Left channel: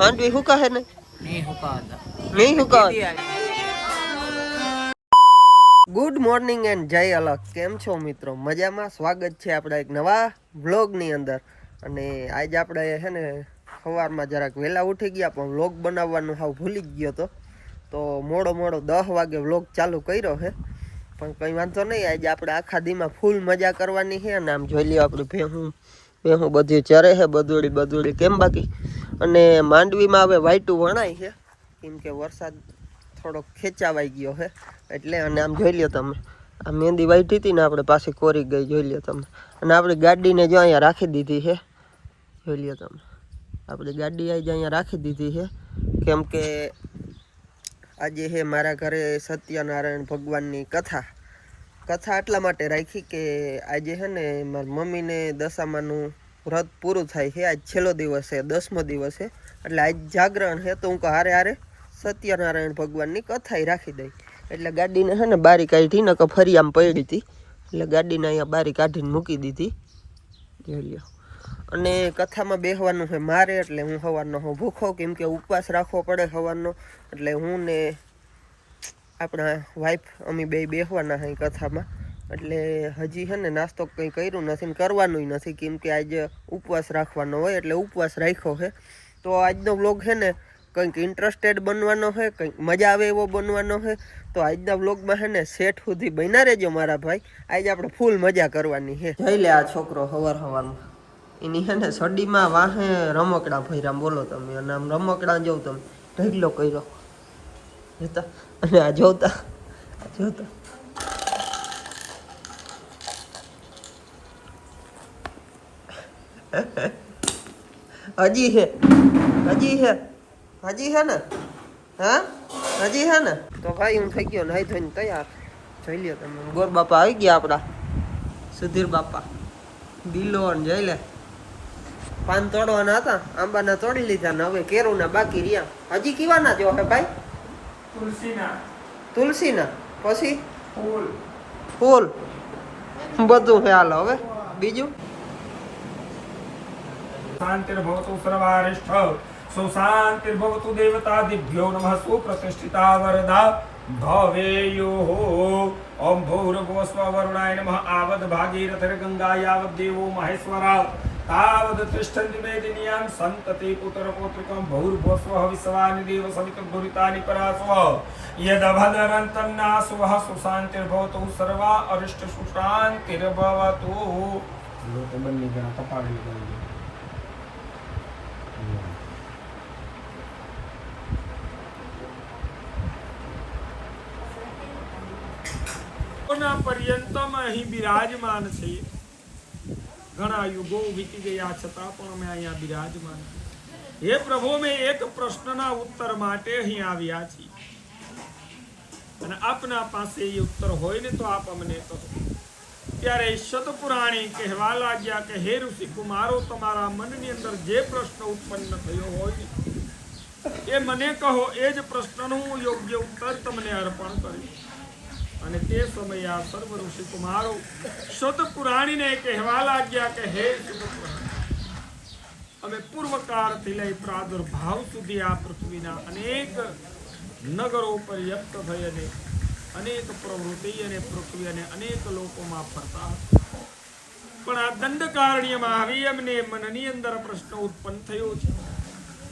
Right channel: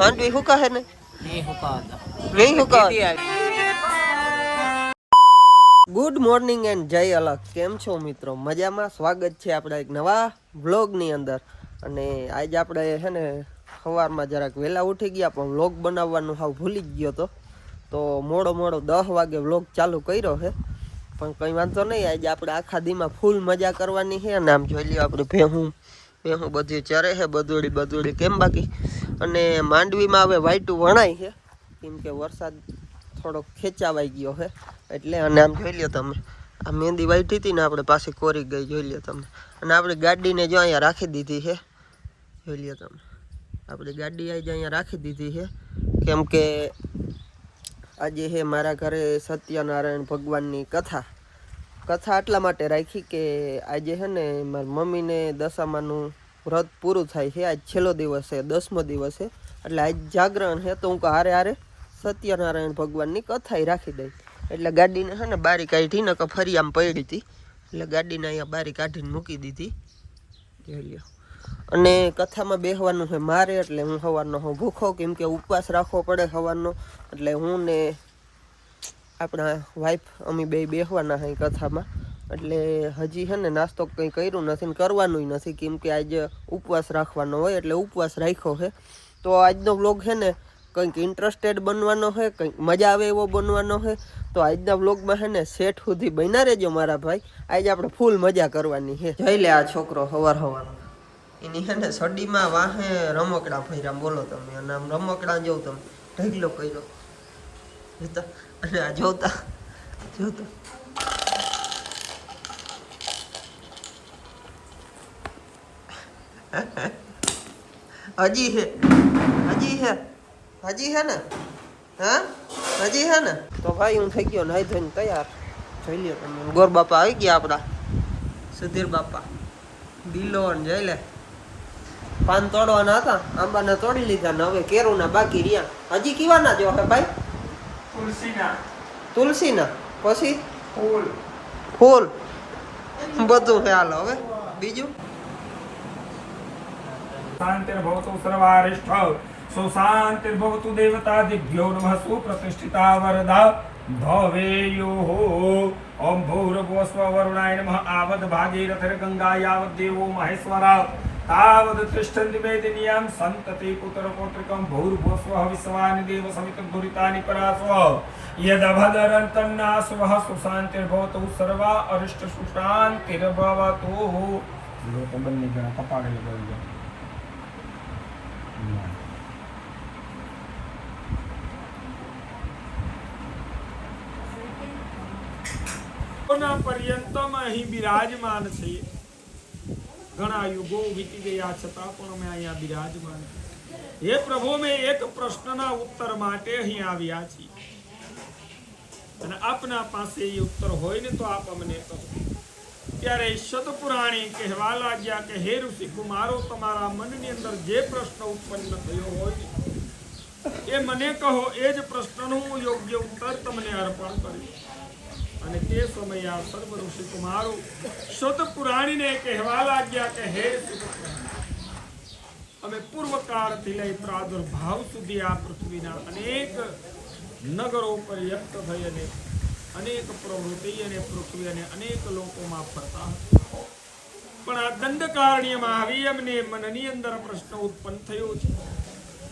માંડવી હુકા હે ને નહીં હુકાતા નહીં હુકા. ગુડ મોર્નિંગ એન્ડ જય અલગ. કેમ છો મિત્રો? મજામાં? સ્વાગત છે આપણા એક નવા વ્લોગની અંદર. અને આજે આપણે છે ને સવારમાં જરાક વહેલા ઉઠી ગયા પણ વ્લોગ બનાવવાનું હાવ ભૂલી જ ગયો તો મોડો 10 વાગે વ્લોગ ચાલુ કર્યો છે. પણ કંઈ વાંધો નહીં, આજે આપણે આખા દીમાં ફૂલ મજા કરવાની છે. અને આમ જોઈ લ્યો આપણે ભેહું બધી ચરે છે, બદોડી કેમ બાકી. અને માંડવીમાં હવે વાઈટું વણાય છે કેમ કે વરસાદ થોડોક ખેંચાવાઈ ગયો છે એટલે. અને આમ જોઈ લ્યો તમે, આ મહેંદી વાઈટી હતી ને આપણે પાછી કોરી ગઈ, જોઈ લ્યો તમે. અને આપણી ગાડીને જો અહીંયા રાખી દીધી છે, જોઈ લ્યો તમે. આપણી ગાડી આજે અહીંયા રાખી દીધી છે કેમ કે આજે છે મારા ઘરે સત્યનારાયણ ભગવાનની કથા એટલા માટે રાખી કે આજે છે ને મારી મમ્મીને દશામાનું વ્રત પૂરું થાય છે. આજ છેલ્લો દિવસ છે, 10મો દિવસ છે, એટલે આજ જાગરણ છે. તો હું હારે સત્યનારાયણ ભગવાનની કથા રાખી દઈ. એટલે ગાડીને છે ને બારી કાઢી ને ફરી આમ પડી હતી, એટલે ગાડીને અહીંયા બારી કાઢીને મૂકી દીધી, જોઈ લ્યો. અને કથામાં બેસવાનું છે મારે, એટલે હું સવારનો હું ભૂખો કેમ કે ઉપવાસ રાખવો પડે સવારનો. એટલે હું ને આપણા વાઈફ અમે બે બેસવાના છે કથામાં. એટલે હજી છે ને નાસ્તો કંઈ કર્યું નથી ને કરવાનું નથી કેમ કે આજે ઉપવાસ રાખવાનો હોય, એટલે ઉપવાસ રાખ્યો છે. તો આજનો વ્લોગ છે ને કંઈક ઇન્ટરેસ્ટેડ બનવાનો છે, કંઈક મજા આવે એવો બનવાનો છે. તો આજના વ્લોગમાં છે ને સેટ સુધી બન્યા રહેજો મારા ભાઈ. આજે આપણે ફૂલ મજા કરવાની છે. જઈ લે આ છોકરો સવારમાં એની છે ને સડીમાં વાહે રમકડા ભર્યા, બોલો તમે. અને આમ રમકડા જોઉં તમે ઢગલો કર્યો જોતા. અને આ જોતા હજી છે ને હા હજી છે ને. તો ભાઈ હું થઈ ગયો નાઈ ધોઈને તૈયાર, જોઈ લ્યો તમે. ગોર બાપા આવી ગયા આપણા, સુધીર બાપા દિલો ને જઈ લે. પાન તોડવાના હતા, આંબાના તોડી લીધા ને હવે કેરુના બાકી રહ્યા. હજી કીવાના જો હે ભાઈ? તુલસીના પછી ફૂલ બધું છે. હાલો હવે બીજું. शांतिर्भवतु सर्वारिष्ठ सुशांतिर्भवतु देवतादिभ्यो नमः सुप्रतिष्ठिता वरदा भवेयुः ओम भूर्भुवस्व वरुणाय नमः आवद भागीरथीर् गंगा यावद् देवो महेश्वरा तावद् तिष्ठन्ति मेदिनीयां सन्तति पुत्रपौत्रिकं भूर्भुवस्व विश्वानि देव समितं दुरितानि परास्व यदभदरन्तन्नासुवः सुशांतिर्भवतु सर्वा अरिष्ट सुशांतिर्भवतु. लोक बन्नी जण तपागली गई पर्यंतम અહીં બિરાજમાન છે. ઘણા યુગો વીતી ગયા છતાં પણ અમે અહીંયા બિરાજમાન છીએ. હે પ્રભુ, અમે એક પ્રશ્નના ઉત્તર માટે અહીં આવ્યા છીએ અને આપના પાસે એ ઉત્તર હોય ને તો આપ અમને કહો. ત્યારે સતપુરાણી કહેવા લાગ્યા કે હે ઋષિ કુમારો, તમારા મનની અંદર જે પ્રશ્ન ઉત્પન્ન થયો હોય એ મને કહો. એ જ પ્રશ્નનું યોગ્ય ઉત્તર તમને અર્પણ કરીશ. અને તે સમયે આ સર્વ ઋષિ કુમારો સતપુરાણીને કહેવા લાગ્યા કે હે સતપુરાણી, અમે પૂર્વકાળથી લઈ પ્રાદુર્ભાવ સુધી આ પૃથ્વીના અનેક નગરો પર્યપ્ત થઈ અને અનેક પ્રવૃત્તિ અને પૃથ્વી અને અનેક લોકોમાં ફરતા હતા. પણ આ દંડકારણ્યમાં આવી અમને મનની અંદર પ્રશ્ન ઉત્પન્ન થયો છે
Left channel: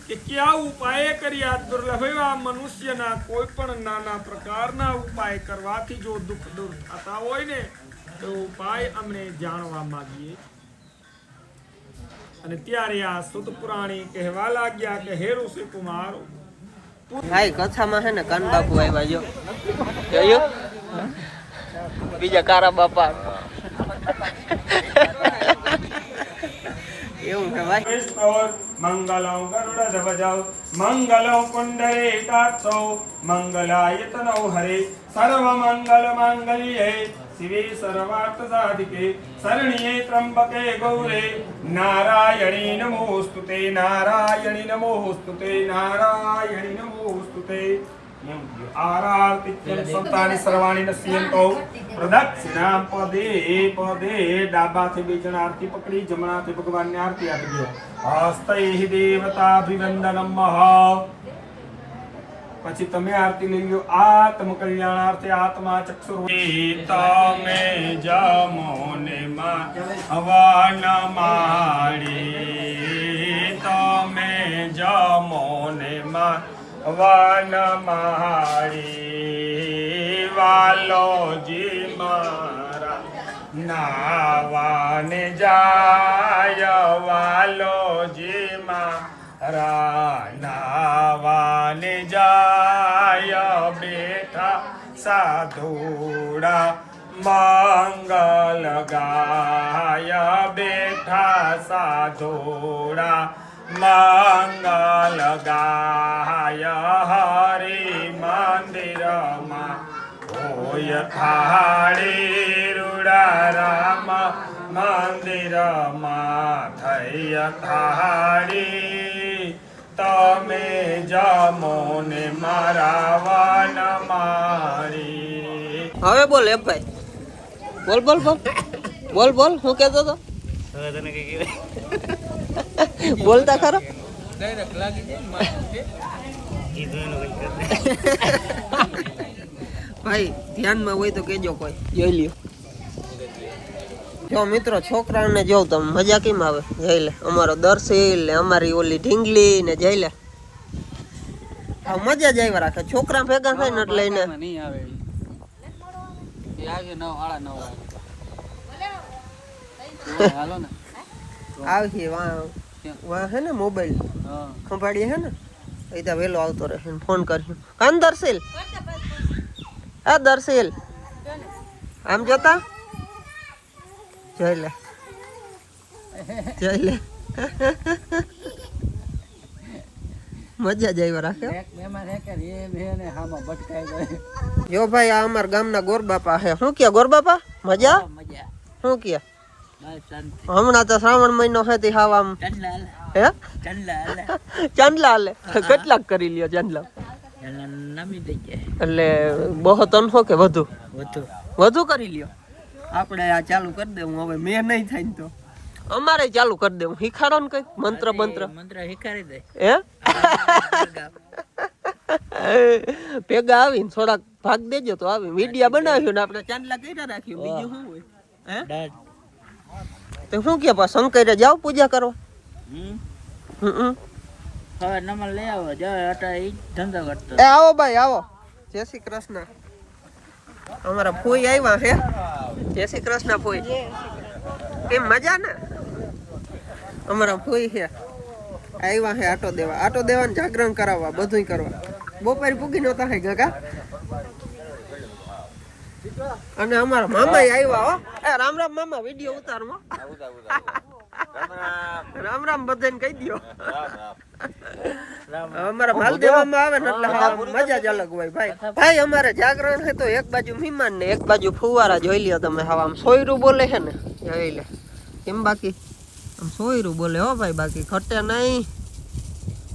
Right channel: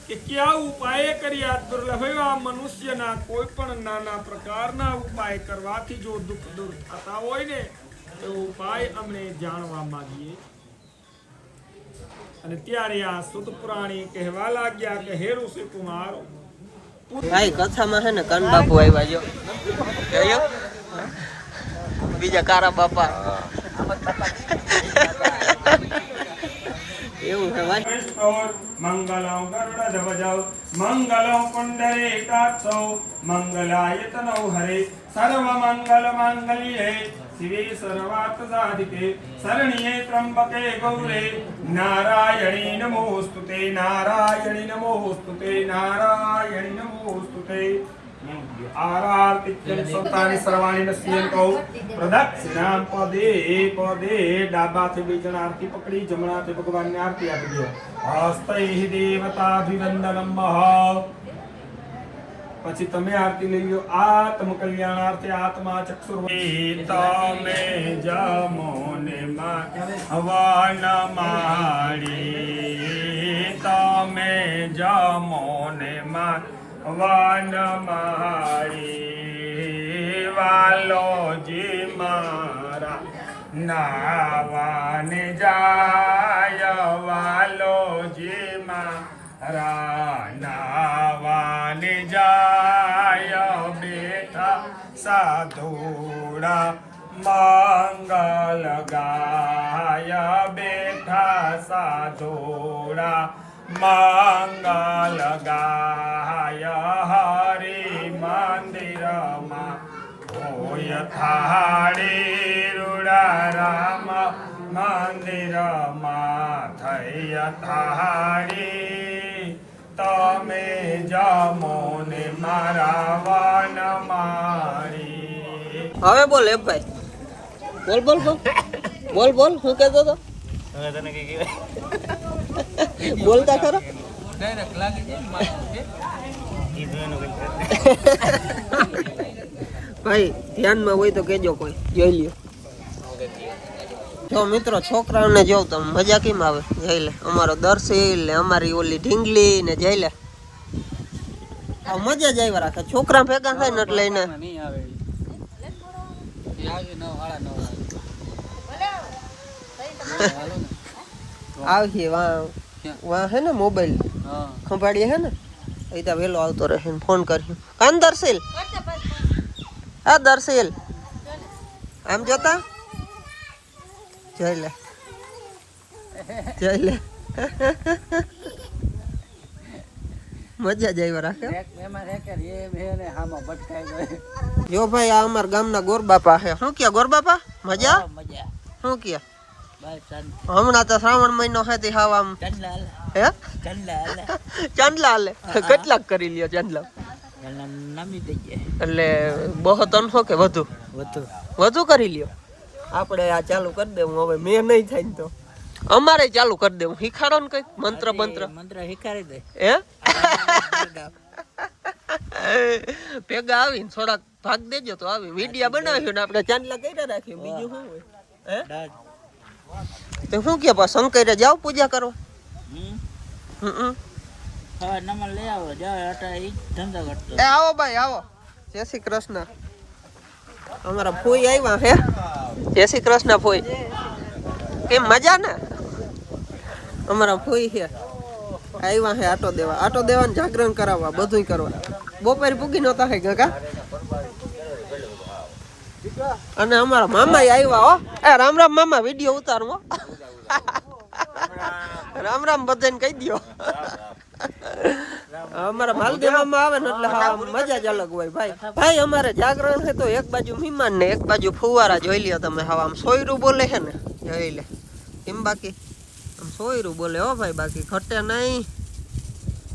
કે કયા ઉપાય કર્યા દુર્લભ એવા મનુષ્યના કોઈ પણ નાના પ્રકારના ઉપાય કરવાથી જો દુઃખ દૂર થતા હોય ને તો ઉપાય અમને જાણવા માંગીએ. અને ત્યારે આ સુત પુરાણી કહેવા લાગ્યા કે હે ઋષિ કુમારો, ભાઈ કથામાં છે ને કાન બાપુ આવ્યા જો જોયો, બીજા કારા બાપા એવું છે ભાઈ. મંગલં ગરુડધ્વજૌ મંગલં પુંડરીકાક્ષૌ મંગલાયતનૌ હરે સર્વમંગલ માંગલ્યે શિવે સર્વાર્થ સાધિકે શરણ્યે ત્રંબકે ગૌરે નારાયણી નમોસ્તુતે નારાયણી નમોસ્તુતે નારાયણી નમોસ્તુતે. આરાર્તિત્યં સંતાની સર્વાણી નશ્યંતો પ્રદક્ષિણામ પદે પદે ડાબાથી બીજણ આરતી પકડી જમણાથી ભગવાનને આરતી આપી દો હસ્તૈ દેવતાભિવંદનમ પછી તમે આરતી લઈ લો આત્મ કલ્યાણાર્થે આત્મા ચક્ષુર્વતી તમે જમો ને હવન માળી તમે જમો ને વન માળી વાલોજી મારા નાવાને જાય વાલોજી મારા નાવાને જાય બેઠા સાધુડા મંગલ ગાય બેઠા સાધુડા મંગલ ગાય હરિ મંદિરમાં હોય થાળી રૂડા રામ મંદિરમાં થઈ થાળી તમે જમો ને મારા વન મારી. હવે બોલ એ ભાઈ, બોલ બોલ બોલ બોલ બોલ શું કહેતો હતો? હવે તને કઈ કહેવાય બોલતા ખરો. ડાયરેક્ટ લાગી જાય કીધું એનું કઈ ભાઈ ધ્યાનમાં હોય તો કેજો, કોઈ જોઈ લ્યો. જો મિત્રો છોકરાઓને જોવ તમે મજા કેમ આવે. જઈ લે અમારો દર્શીલ ને અમારી ઓલી ઢીંગલી ને જઈ લે આ મજા જ આવ્યા રાખે. છોકરા ભેગા થાય ને એટલે એને નહીં આવે આગે 9 9:30 હાલો ને આવી વાહ હે ને મોબાઈલ ખંભાળીએ હે ને એ તો વહેલો આવતો રહે ને ફોન કર્યો. કાન દર્શીલ, આ દર્શીલ આમ જોતા જઈ લે જઈ લે મજા જ આવ્યા રાખે. એમાં રે કે એ બેને હામાં ભટકાઈ ગયો. જો ભાઈ આ અમારા ગામના ગોરબાપા હે. શું કે ગોરબાપા મજા મજા શું કે બાર શાંતિ હમણાં તો શ્રાવણ મહિનો હે તે હાવ આમ ચંદલા હે ચંદલા ચાંદલા હાલે. કેટલાક કરી લ્યો ચાંદલા? ચંદલા નામી દઈ જાય એટલે બહુ તનસો કે વધુ વધુ વધુ કરી લ્યો. આપણે આ ચાલુ કરી દેવું હવે. મેં નહીં થાય ને તો અમારે ચાલુ કરી દેવું. શીખાડો ને કઈક મંત્ર મંત્ર શીખાડી દે હે ભેગા આવીને થોડાક ભાગ દેજો તો આવી વિડિયા બનાવ્યો ને આપણે ચાંદલા કર્યા રાખ્યું. બીજું શું હોય હે? તો શું કે પા શંકરે જાવ પૂજા કરવા? હવે નમલ લઈ આવો જો અટા ઈ ધંધો કરતો. એ આવો ભાઈ આવો. જય શ્રી કૃષ્ણ. અમારા ફોઈ આવ્યા હે. જય શ્રી કૃષ્ણ ફોઈ. કેમ મજા ને? અમારા ફોઈ છે આવ્યા હે આટો દેવા. આટો દેવા ને જાગરણ કરાવવા બધું કરવા. બપોરે પૂગી નહોતા હે ગગા. અને અમારા મામા આવ્યા હો. એ રામ રામ મામા, વિડીયો ઉતારવો. રામ રામ બધાને કહી દો. અમારા માલ દેવામાં આવે ને એટલે હા મજા જ અલગ હોય ભાઈ. ભાઈ અમારે જાગરણ છે તો એક બાજુ મહેમાન ને એક બાજુ ફુવારા જોઈ લ્યો તમે. હવે આમ સોયરું બોલે છે ને જોઈ લે કેમ. બાકી આમ સોયરું બોલે હો ભાઈ, બાકી ખટે નહીં.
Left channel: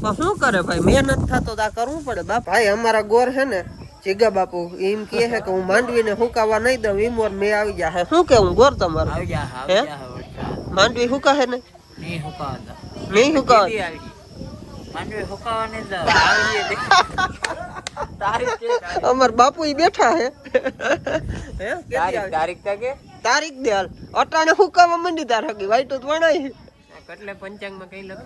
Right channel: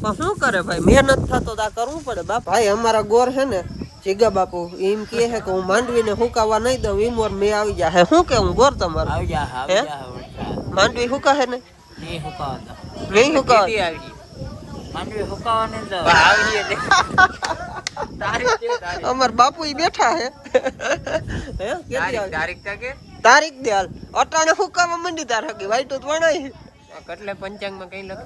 પણ શું કરે ભાઈ, મહેનત થતો તો આ કરવું પડે બાપ. ભાઈ અમારા ગોર છે ને જીગા બાપુ એમ કે છે કે હું માંડવીને હુકાવા નહીં દઉં ઈમોર મેં આવી જાય. શું કેવું ગોર તમારું? હે માંડવી હુકા હે ને? નહીં હુકાવતા નહીં હુકાવા? માંડવી હુકાવા નહીં દો. અમાર બાપુ ઈ બેઠા હે. તારીખ કે તારીખ દે હાલ. અટાણે હુકાવા મંડી તાર હકી વાઈટ તો વણાય. એટલે પંચાંગમાં કઈ લખે